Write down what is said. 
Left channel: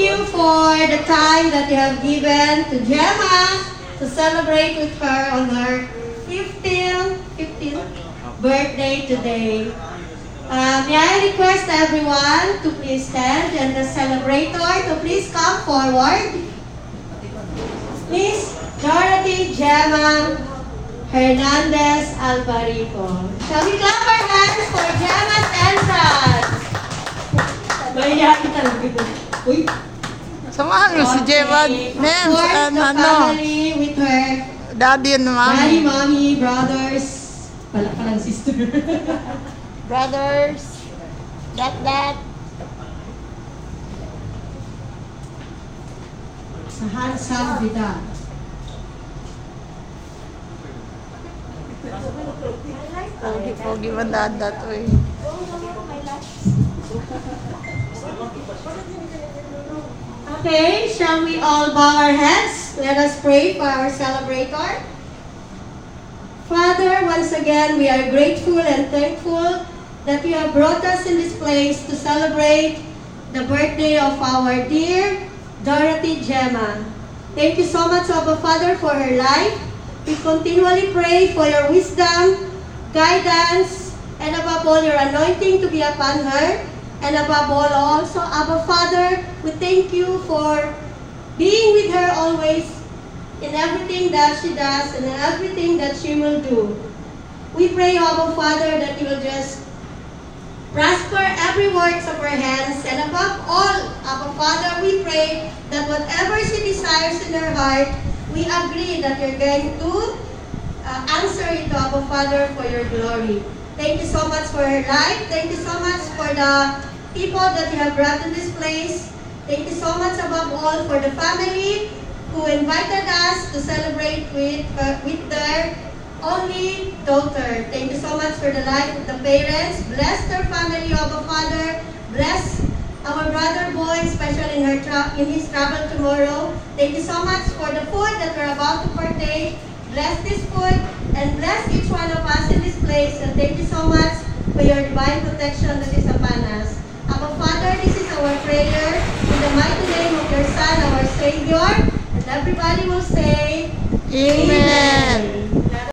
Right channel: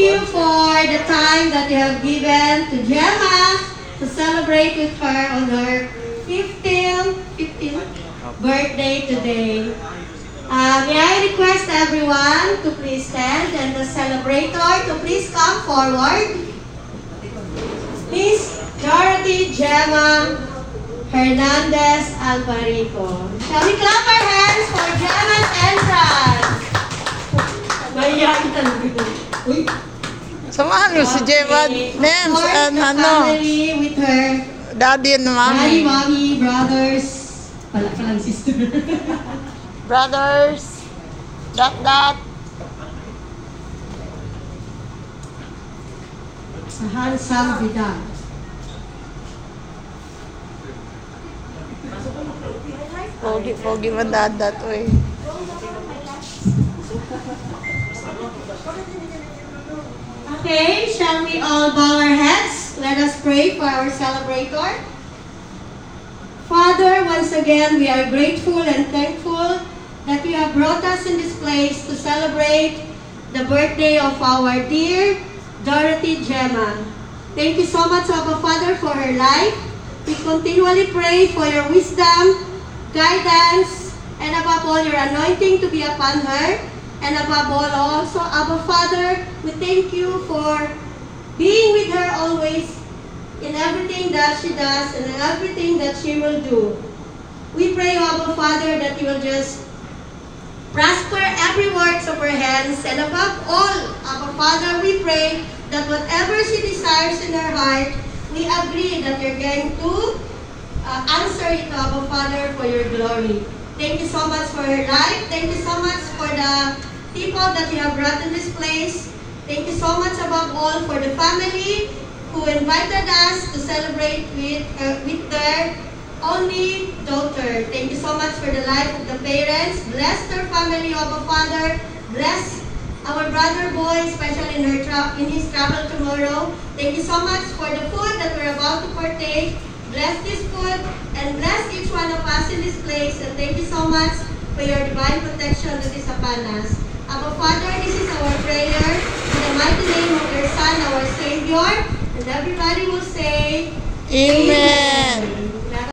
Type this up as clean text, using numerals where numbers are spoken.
you for the time that you have given to Gemma to celebrate with her on her 15th birthday today. May I request everyone to please stand and the celebrator to please come forward. Please, Dorothy Gemma Hernandez Alvarico. Shall we clap our hands for Gemma's entrance? Mahiyain talaga. Uy. Samahan mo si Gemma, names and ano, with her daddy and mommy. Daddy, mommy, brothers, palang sister. Brothers, that. Sa handsome Vidal. Pogi man that way. Okay, shall we all bow our heads? Let us pray for our celebrator. Father, once again, we are grateful and thankful that you have brought us in this place to celebrate the birthday of our dear Dorothy Gemma. Thank you so much, Abba Father, for her life. We continually pray for your wisdom, guidance, and above all, your anointing to be upon her. And above all, also, Abba Father, we thank you for being with her always in everything that she does and in everything that she will do. We pray, Abba Father, that you will just prosper every works of her hands. And above all, Abba Father, we pray that whatever she desires in her heart, we agree that you're going to answer it, Abba Father, for your glory. Thank you so much for her life. Thank you so much for the people that you have brought to this place. Thank you so much above all for the family who invited us to celebrate with their only daughter. Thank you so much for the life of the parents. Bless their family, Abba Father. Bless our brother boy, especially in his travel tomorrow. Thank you so much for the food that we're about to partake. Bless this food and bless each one of us in this place. And thank you so much for your divine protection that is upon us. Our Father, this is our prayer in the mighty name of your Son, our Savior. And everybody will say, Amen.